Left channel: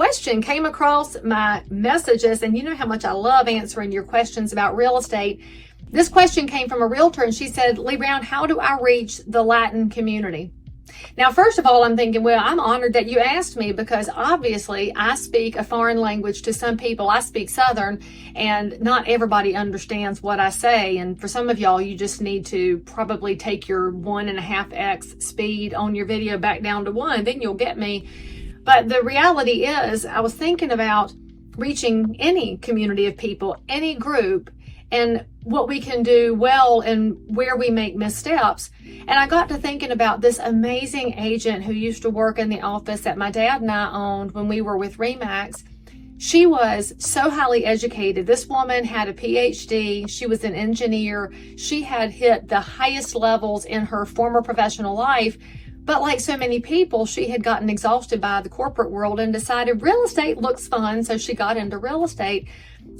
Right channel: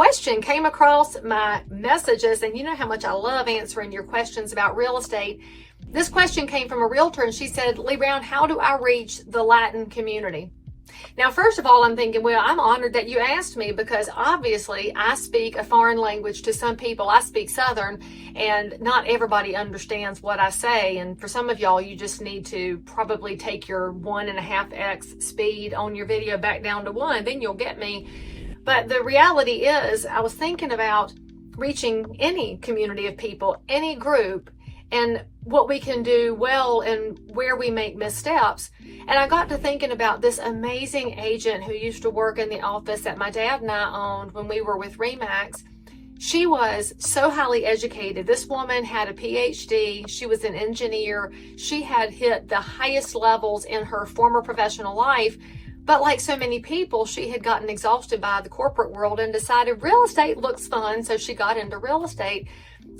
question came across my messages, and you know how much I love answering your questions about real estate. This question came from a realtor, and she said, Leigh Brown, how do I reach the Latin community? Now, first of all, I'm thinking, well, I'm honored that you asked me, because obviously I speak a foreign language to some people. I speak Southern, and not everybody understands what I say. And for some of y'all, you just need to probably take your 1.5x speed on your video back down to 1, then you'll get me. But the reality is, I was thinking about reaching any community of people, any group, and what we can do well and where we make missteps. And I got to thinking about this amazing agent who used to work in the office that my dad and I owned when we were with Remax. She was so highly educated. This woman had a PhD. She was an engineer. She had hit the highest levels in her former professional life. But like so many people, she had gotten exhausted by the corporate world and decided real estate looks fun. So she got into real estate.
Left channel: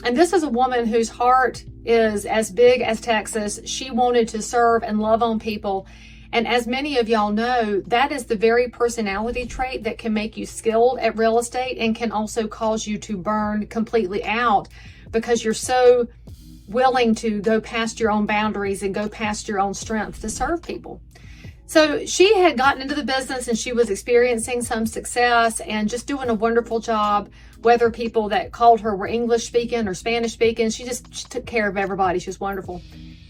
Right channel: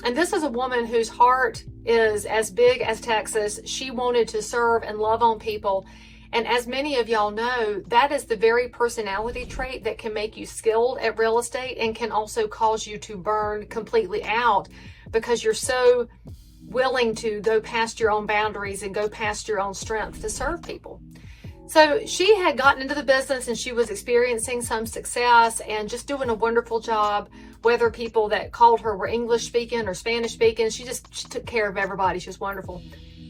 And this is a woman whose heart is as big as Texas. She wanted to serve and love on people. And as many of y'all know, that is the very personality trait that can make you skilled at real estate and can also cause you to burn completely out, because you're so willing to go past your own boundaries and go past your own strength to serve people. So she had gotten into the business and she was experiencing some success and just doing a wonderful job, whether people that called her were English speaking or Spanish speaking. She took care of everybody. She was wonderful.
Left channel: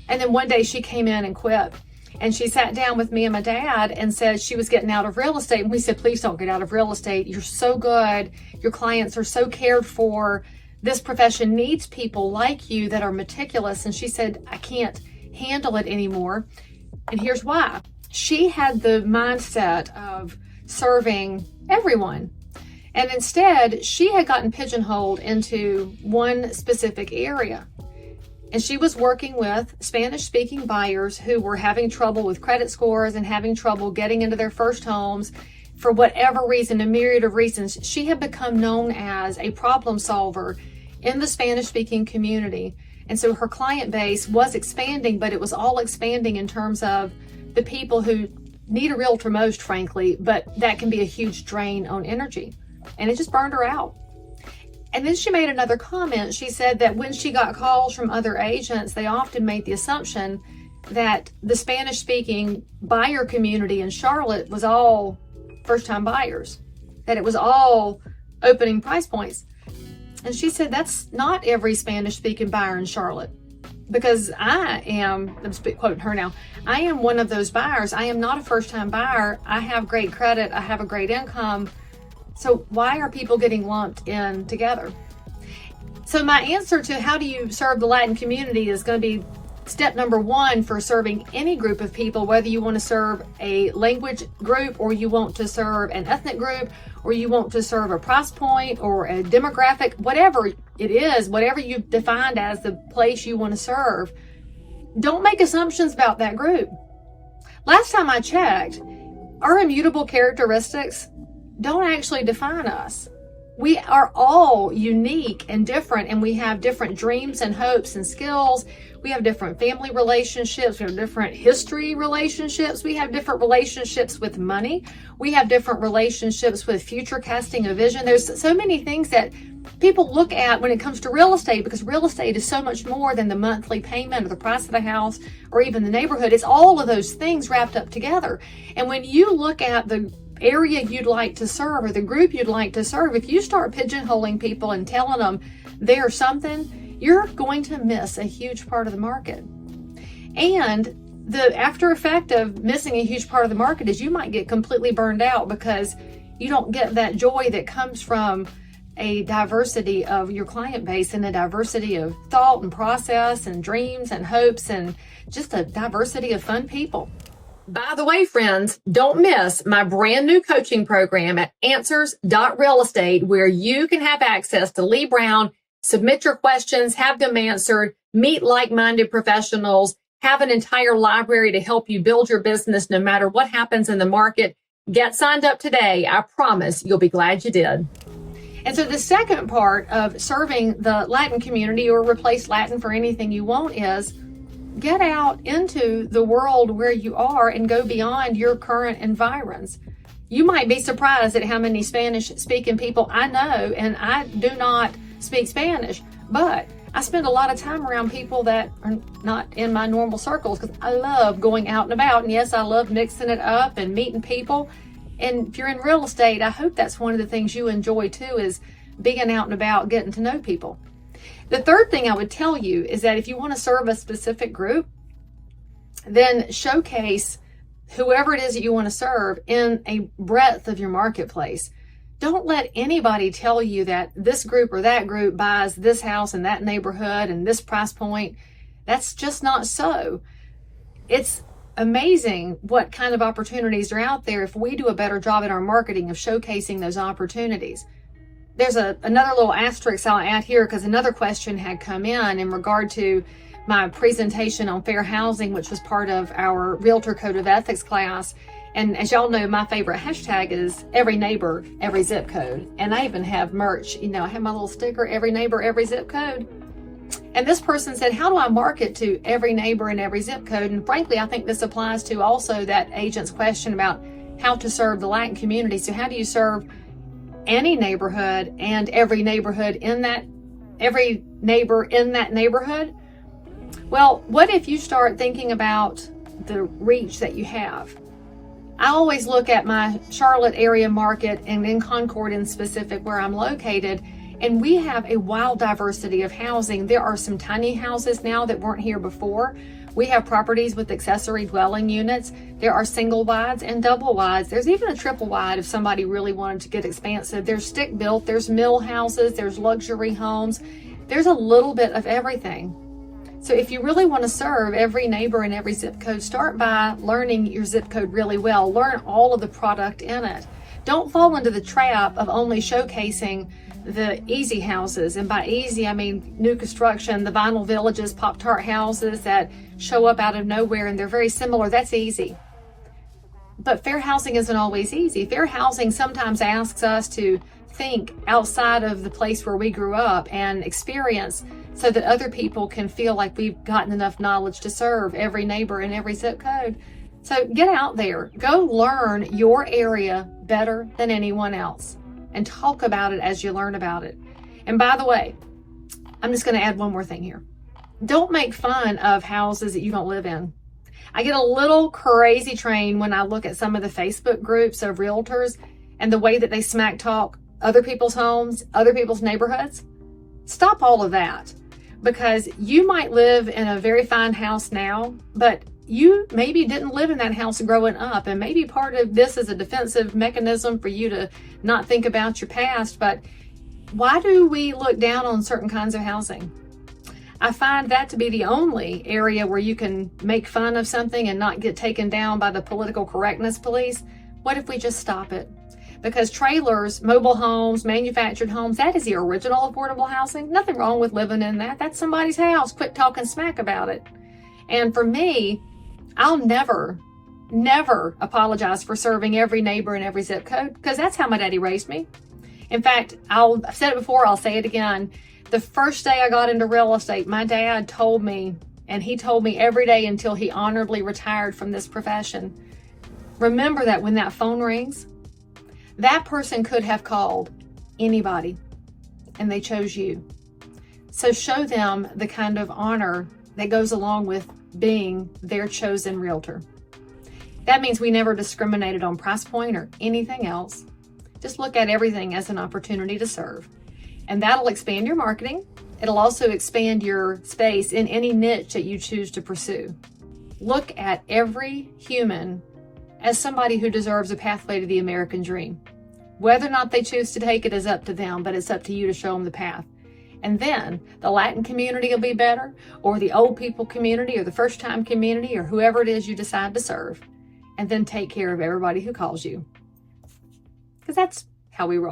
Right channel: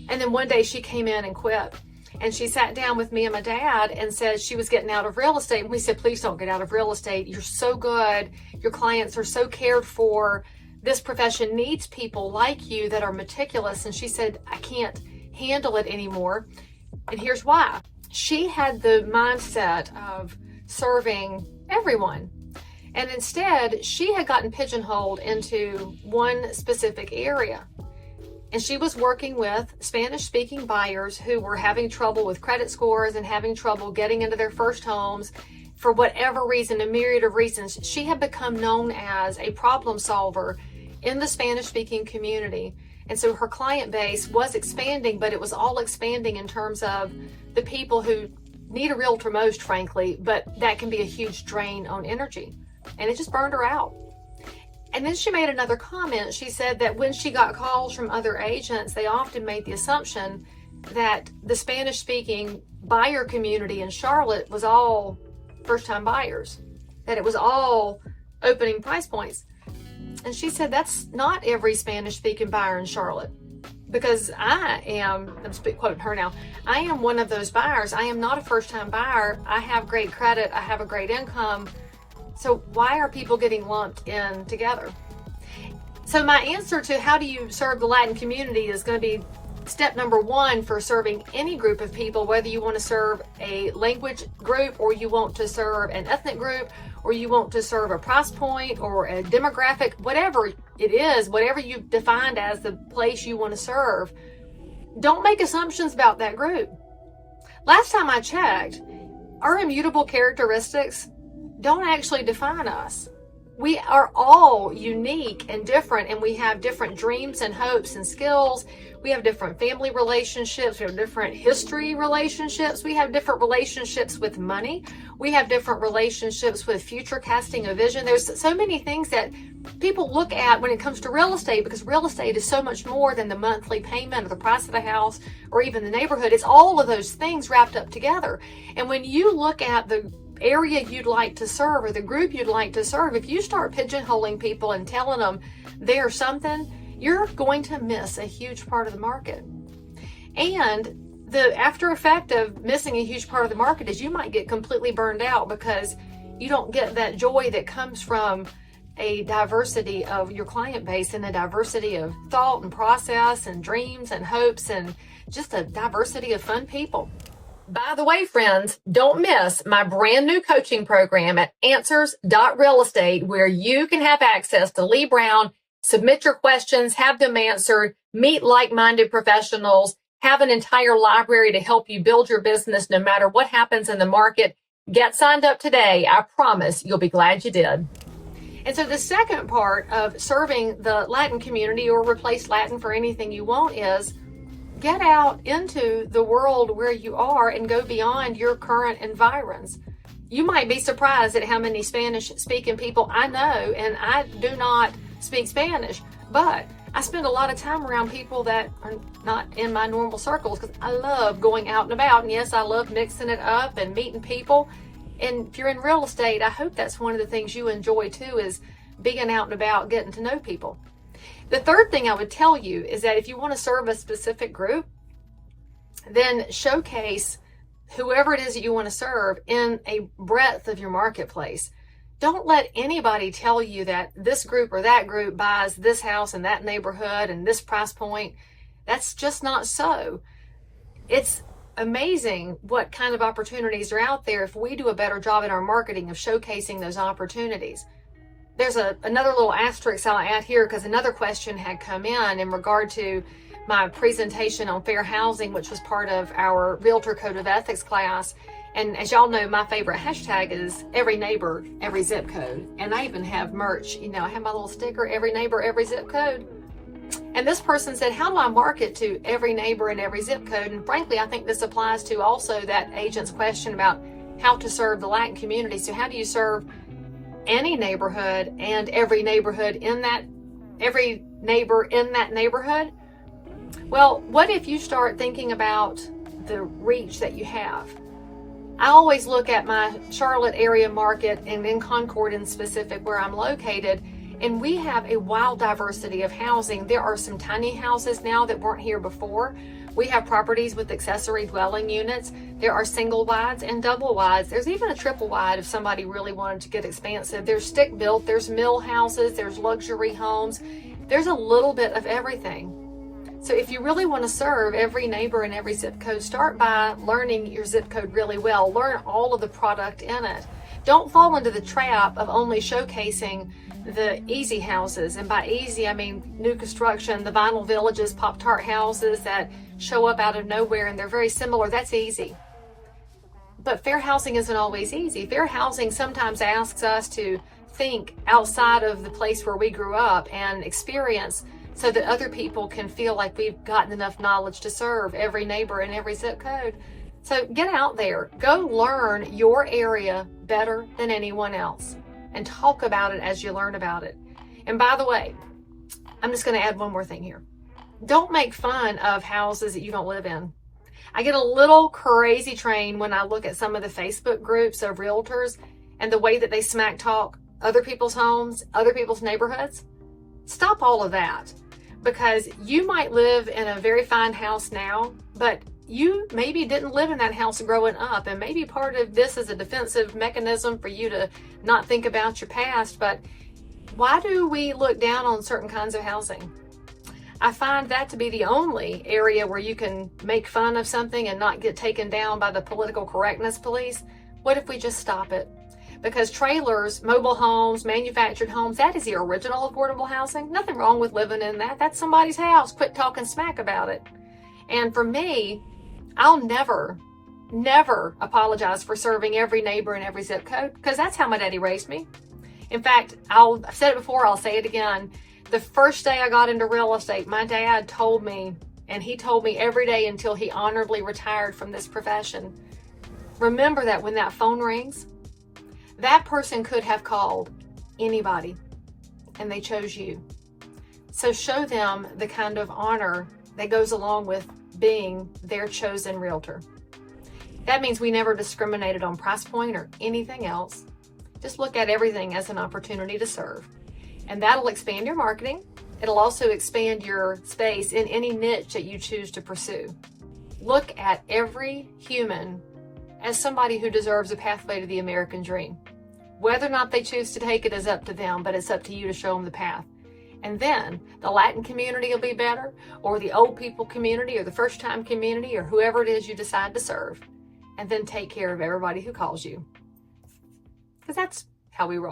And then one day she came in and quit. And she sat down with me and my dad and said she was getting out of real estate. And we said, please don't get out of real estate. You're so good. Your clients are so cared for. This profession needs people like you that are meticulous. And she said, I can't handle it anymore. And here's why. She had the mindset of serving everyone. And instead, she had gotten pigeonholed into one specific area. And she was working with Spanish-speaking buyers who were having trouble with credit scores and having trouble getting into their first homes. For whatever reason, a myriad of reasons, she had become known as a problem solver in the Spanish-speaking community. And so her client base was expanding, but it was all expanding in terms of the people who need a realtor most, frankly, but that can be a huge drain on energy. And it just burned her out. And then she made another comment. She said that when she got calls from other agents, they often made the assumption that the Spanish-speaking buyer community in Charlotte was all first-time buyers, that it was all opening price points. And she said, that's not every Spanish-speaking buyer in Charlotte. Because I'm quoting her now, I am one of those buyers. I am not a first-time buyer. I have great credit. I have a great income. So why are people getting lumped in together? So my answer to how do you serve the Latin community is going to be step number 1 for serving any group of people, whether you want to serve a language group or you want to serve an ethnic group or you want to serve a price point or a demographic, whatever it is, whatever you've defined as the place you want to serve, don't make assumptions about that group. Last time I checked, our immutable characteristics don't actually define us. We are all unique and different, and we have different dreams and hopes and skills. We have different family relationships. We have different history relationships. We have different relationships with money. We have different relationships with future casting a vision. There's so many things that people look at when it comes to real estate, because real estate is so much more than the monthly payment or the price of the house or even the neighborhood. It's all of those things wrapped up together. And when you look at the area you'd like to serve or the group you'd like to serve, if you start pigeonholing people and telling them they're something, you're going to miss a huge part of the market. And the after effect of missing a huge part of the market is you might get completely burned out because you don't get that joy that comes from a diversity of your client base and a diversity of thought and process and dreams and hopes and just a diversity of fun people. By the way, friends, don't miss my brand new coaching program at answers.realestate, where you can have access to Leigh Brown, submit your questions, have them answered, meet like-minded professionals, have an entire library to help you build your business no matter what happens in the market. Get signed up today. I promise you'll be glad you did. And so the second part of serving the Latin community, or replace Latin for anything you want, is get out into the world where you are and go beyond your current environs. You might be surprised at how many Spanish-speaking people I know, and I do not speak Spanish, but I spend a lot of time around people that are not in my normal circles because I love going out and about. And yes, I love mixing it up and meeting people. And if you're in real estate, I hope that's one of the things you enjoy too, is being out and about, getting to know people. The third thing I would tell you is that if you want to serve a specific group, then showcase whoever it is that you want to serve in a breadth of your marketplace. Don't let anybody tell you that this group or that group buys this house in that neighborhood and this price point. That's just not so. It's amazing what kind of opportunities are out there if we do a better job in our marketing of showcasing those opportunities. There's another little asterisk I'll add here because another question had come in regard to my presentation on fair housing, which was part of our Realtor Code of Ethics class. And as y'all know, my favorite hashtag is every neighbor, every zip code. And I even have merch, I have my little sticker, every neighbor, every zip code. And this person said, how do I market to every neighbor and every zip code? And frankly, I think this applies to also that agent's question about how to serve the Latin community. So how do you serve any neighborhood and every neighbor in that neighborhood? Well, what if you start thinking about the reach that you have? I always look at my Charlotte area market and in Concord in specific where I'm located, and we have a wild diversity of housing. There are some tiny houses now that weren't here before. We have properties with accessory dwelling units. There are single wides and double wides. There's even a triple wide if somebody really wanted to get expansive. There's stick built, there's mill houses, there's luxury homes. There's a little bit of everything. So if you really want to serve every neighbor and every zip code, start by learning your zip code really well. Learn all of the product in it. Don't fall into the trap of only showcasing the easy houses. And by easy, I mean new construction, the vinyl villages, Pop-Tart houses that show up out of nowhere and they're very similar. That's easy. But fair housing isn't always easy. Fair housing sometimes asks us to think outside of the place where we grew up and experience so that other people can feel like we've gotten enough knowledge to serve every neighbor and every zip code. So get out there, go learn your area better than anyone else and talk about it as you learn about it. And by the way, I'm just going to add one more thing here. Don't make fun of houses that you don't live in. I get a little crazy train when I look at some of the Facebook groups of realtors and the way that they smack talk other people's homes, other people's neighborhoods. Stop all of that, because you might live in a very fine house now, but you maybe didn't live in that house growing up, and maybe part of this is a defensive mechanism for you to not think about your past. But why do we look down on certain kinds of housing? I find that to be the only area where you can make fun of something and not get taken down by the political correctness police. What if we just stop it? Because trailers, mobile homes, manufactured homes, that is the original affordable housing. Nothing wrong with living in that. That's somebody's house. Quit talking smack about it. And for me, I'll never apologize for serving every neighbor in every zip code, because that's how my daddy raised me. In fact, I've said it before, I'll say it again. The first day I got into real estate, my dad told me, and he told me every day until he honorably retired from this profession, remember that when that phone rings, that person could have called anybody, and they chose you. So show them the kind of honor that goes along with being their chosen realtor. That means we never discriminated on price point or anything else. Just look at everything as an opportunity to serve. And that'll expand your marketing. It'll also expand your space in any niche that you choose to pursue. Look at every human as somebody who deserves a pathway to the American dream. Whether or not they choose to take it is up to them, but it's up to you to show them the path. And then the Latin community will be better, or the old people community, or the first time community, or whoever it is you decide to serve. And then take care of everybody who calls you. Because that's how we roll.